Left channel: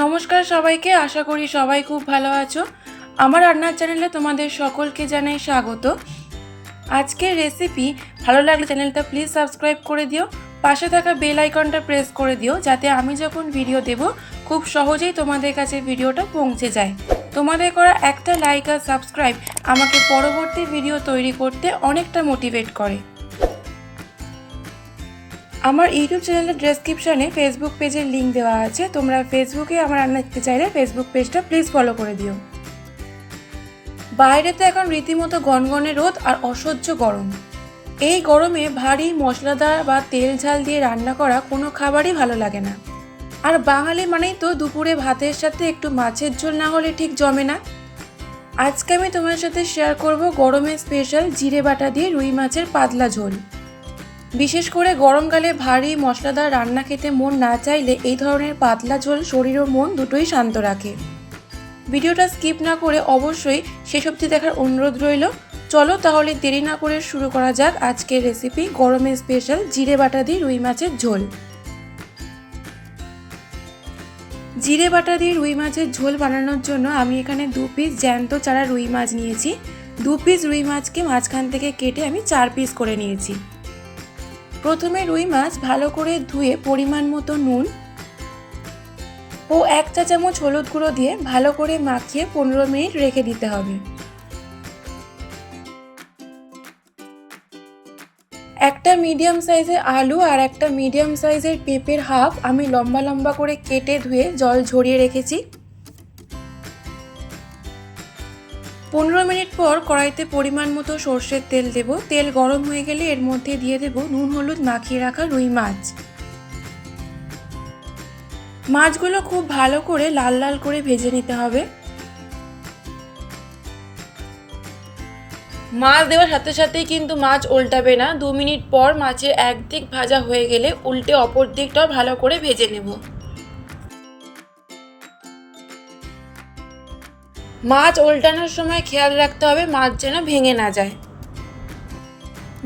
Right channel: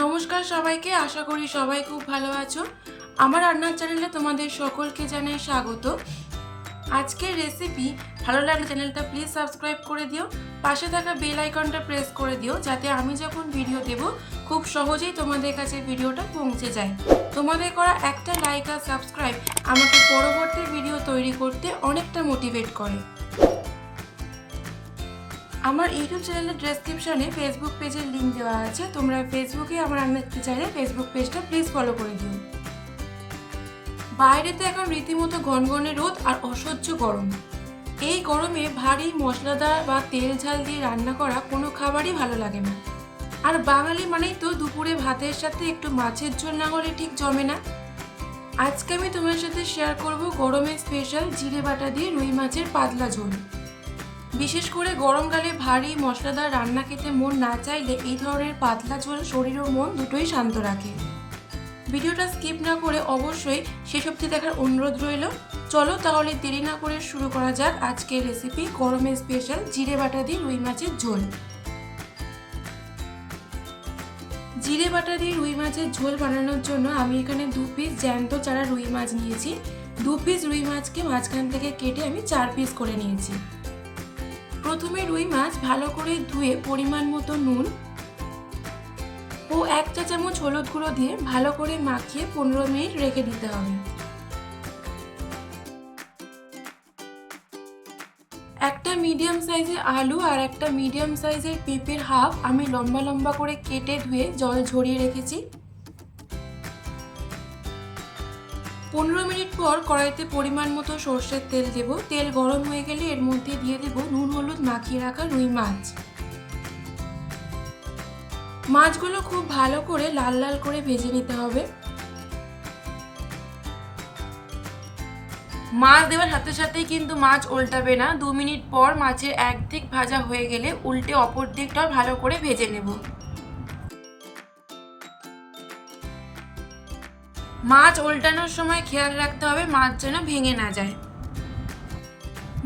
নমস্কার সবাইকে, আশা করি সবাই খুব ভালো আছো। আমার রান্নার চ্যানেলে তোমাদের সকলকে জানাই স্বাগত। আজকের রেসিপি ভালো লাগলে চ্যানেলটা প্লিজ সাবস্ক্রাইব করে দিও, পাশে থাকা বেল আইকনটা প্রেস করে দিও, যাতে আমি যখন ভিডিও দেব খুব সহজেই তোমাদের কাছে ভিডিওটা পৌঁছে যায়। তোমাদের করা একটা লাইক আর সাবস্ক্রাইব আমাকে পরবর্তী ভিডিও তৈরি করতে অনেকটা মোটিভেট করে। আমার ইউটিউব চ্যানেলের ডেসক্রিপশানে ফেসবুক পেজের লিঙ্ক দেওয়া আছে, তোমরা ফেসবুকে আমার রান্না দেখতে চাইলে ফেসবুক পেজটা প্লিজ ফলো করে দিও। বাইরেতে এখন রীতিমতো গনগনে রোদ আর অসহ্য গরম। এই গরমে ভারী মশলাদার বা তেল ঝাল দিয়ে রান্না করা কোনো খাবারই ভালো লাগে না। আর বাঙালি মানেই তো দুপুরে ভাতের সাথে একটু মাছের ঝোল না হলে ঠিক জমে না। আজকে আমি তোমার সাথে শেয়ার করব গরমের স্পেশাল জিরে বাটা দিয়ে রুই মাছের পাতলা ঝোল। বিশেষ করে গরমকালে ভারী মশলাদার রান্না খেতে মন না চাইলে এই ধরনের পাতলা ঝোল শরীর ও মন দুটোই শান্ত রাখে। ভিডিওটা স্কিপ না করে অবশ্যই শেষ অবধি দেখার অনুরোধ রইল। চলো তাহলে দেরি না করে শুরু করা যাক আজকের রেসিপি গরমের স্পেশাল জিরে বাটা দিয়ে রুই মাছের ঝোল। জিরে বাটা দিয়ে রুই মাছের ঝোল বানানোর জন্য আমি এখানে 2 পিস জ্যান্ত চারা রুই মাছ নিয়েছি। 2 পিস রুই মাছকে মাঝখান থেকে কেটে আমি 4 পিস করে নিয়েছি। প্রথমে রুই মাছ ভালো করে ধুয়ে পরিমাণ মতো নুন ও 1 চা চামচ হলুদ গুঁড়ো দিয়ে ভালো করে মাখিয়ে 15 মিনিট রেখে দিতে হবে। একটা মিডিয়াম সাইজের আলু আর একটা মিডিয়াম সাইজের পেঁপের হাফ আমি লম্বা লম্বা করে কেটে ধুয়ে জল ঝরিয়ে রেখেছি। 15 মিনিট পর কড়াইতে পরিমাণ মতো সর্ষের তেল দেব। তেল গরম হয়ে গেলে এর মধ্যে দিয়ে দেব নুন হলুদ মাখিয়ে রাখা রুই মাছ। মাছগুলো খুব ভালো করে লাল লাল করে ভেজে নিতে হবে। মাছ দেওয়ার সাথে সাথেই কিন্তু মাছ উল্টাবে না। 2 মিনিট পর মাছের একদিক ভাজা হয়ে গেলে উল্টে অপর দিকটাও ভালো করে ভেজে নেব। মাছ উল্টানোর সময় খেয়াল রাখতে হবে মাছ যেন ভেঙে না যায়।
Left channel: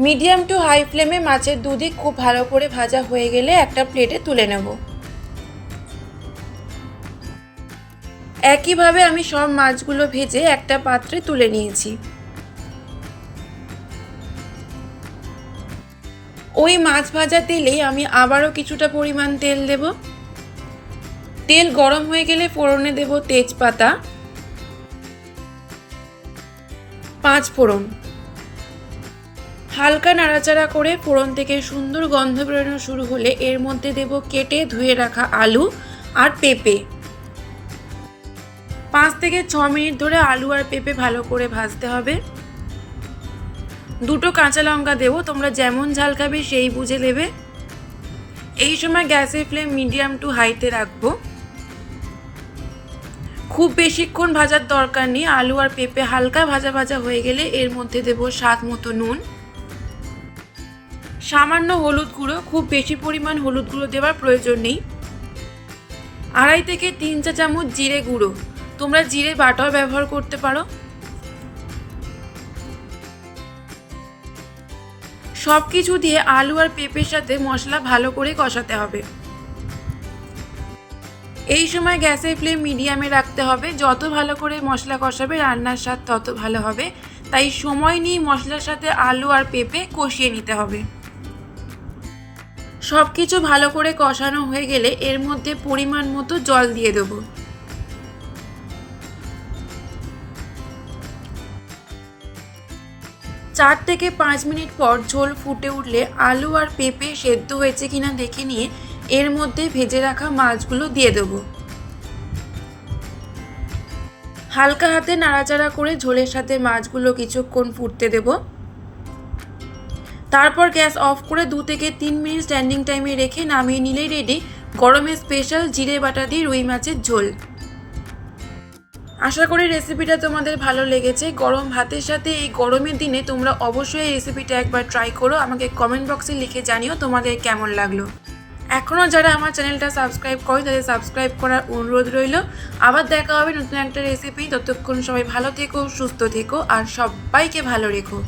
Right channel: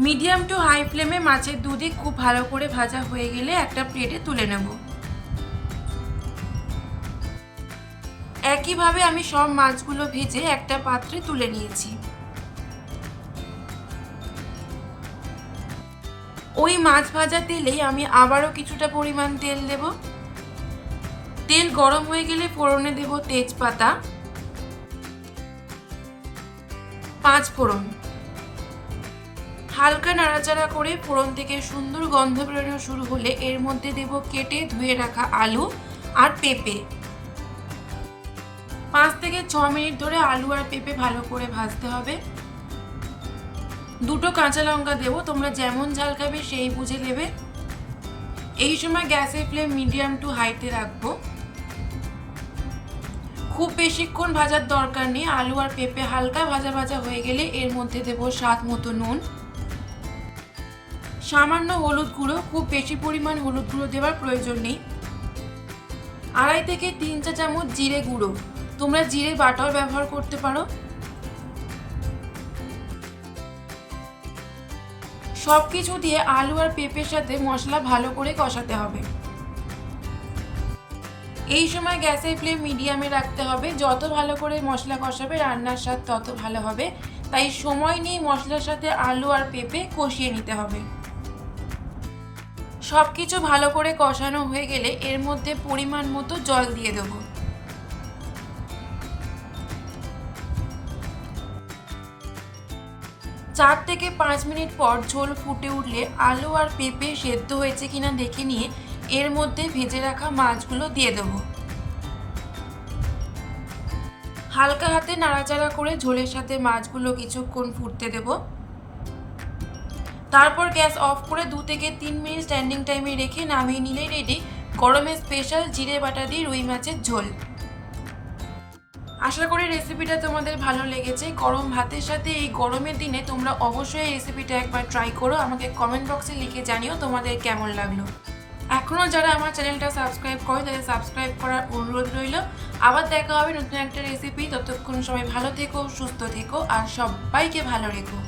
মিডিয়াম টু হাই ফ্লেমে মাছের দুদিক খুব ভালো করে ভাজা হয়ে গেলে একটা প্লেটে তুলে নেব। একইভাবে আমি সব মাছগুলো ভেজে একটা পাত্রে তুলে নিয়েছি। ওই মাছ ভাজা তেলেই আমি আবারও কিছুটা পরিমাণ তেল দেব। তেল গরম হয়ে গেলে ফোড়নে দেব তেজপাতা, 5 ফোড়ন। হালকা নাড়াচাড়া করে ফোড়ন থেকে সুন্দর গন্ধ বেরোনো শুরু হলে এর মধ্যে দেব কেটে ধুয়ে রাখা আলু আর পেঁপে। 5 থেকে 6 মিনিট ধরে আলু আর পেঁপে ভালো করে ভাজতে হবে। 2টো কাঁচা লঙ্কা দেব, তোমরা যেমন ঝাল খাবে সেই বুঝে দেবে। এই সময় গ্যাসের ফ্লেম মিডিয়াম টু হাইতে রাখবো। খুব বেশিক্ষণ ভাজার দরকার নেই। আলু আর পেঁপে হালকা ভাজা ভাজা হয়ে গেলে এর মধ্যে দেব স্বাদ মতো নুন, সামান্য হলুদ গুঁড়ো, খুব বেশি পরিমাণ হলুদ গুঁড়ো দেওয়ার প্রয়োজন নেই। 2.5 থেকে 3 চা চামচ জিরে গুঁড়ো, তোমরা জিরে বাটাও ব্যবহার করতে পারো। সব কিছু দিয়ে আলু আর পেঁপের সাথে মশলা ভালো করে কষাতে হবে। এই সময় গ্যাসের ফ্লেম মিডিয়ামে রাখতে হবে। যত ভালো করে মশলা কষাবে রান্নার স্বাদ তত ভালো হবে, তাই সময় নিয়ে মশলার সাথে আলু আর পেঁপে কষিয়ে নিতে হবে। সব কিছু ভালো করে কষানো হয়ে গেলে এর মধ্যে পরিমাণ মতো জল দিয়ে দেব। চার থেকে 5 মিনিট পর ঝোল ফুটে উঠলে আলু আর পেঁপে সেদ্ধ হয়েছে কিনা দেখে নিয়ে এর মধ্যে ভেজে রাখা মাছগুলো দিয়ে দেব। হালকা হাতে নাড়াচাড়া করে ঝোলের সাথে মাছগুলো কিছুক্ষণ ফুটতে দেব। তারপর গ্যাস অফ করে 2 থেকে 3 মিনিট স্ট্যান্ডিং টাইমে রেখে নামিয়ে নিলেই রেডি গরমের স্পেশাল জিরে বাটা দিয়ে রুই মাছের ঝোল। আশা করি রেসিপিটা তোমাদের ভালো লেগেছে। গরম ভাতের সাথে এই গরমের দিনে তোমরা অবশ্যই এই রেসিপিটা একবার ট্রাই করো। আমাকে কমেন্ট বক্সে লিখে জানিও তোমাদের কেমন লাগলো। এখনও যারা আমার চ্যানেলটা সাবস্ক্রাইব করে তাদের সাবস্ক্রাইব করার অনুরোধ রইল। আবার দেখা হবে নতুন একটা রেসিপি। ততক্ষণ সবাই ভালো থেকো, সুস্থ থেকো আর সবাইকে ভালো রেখো।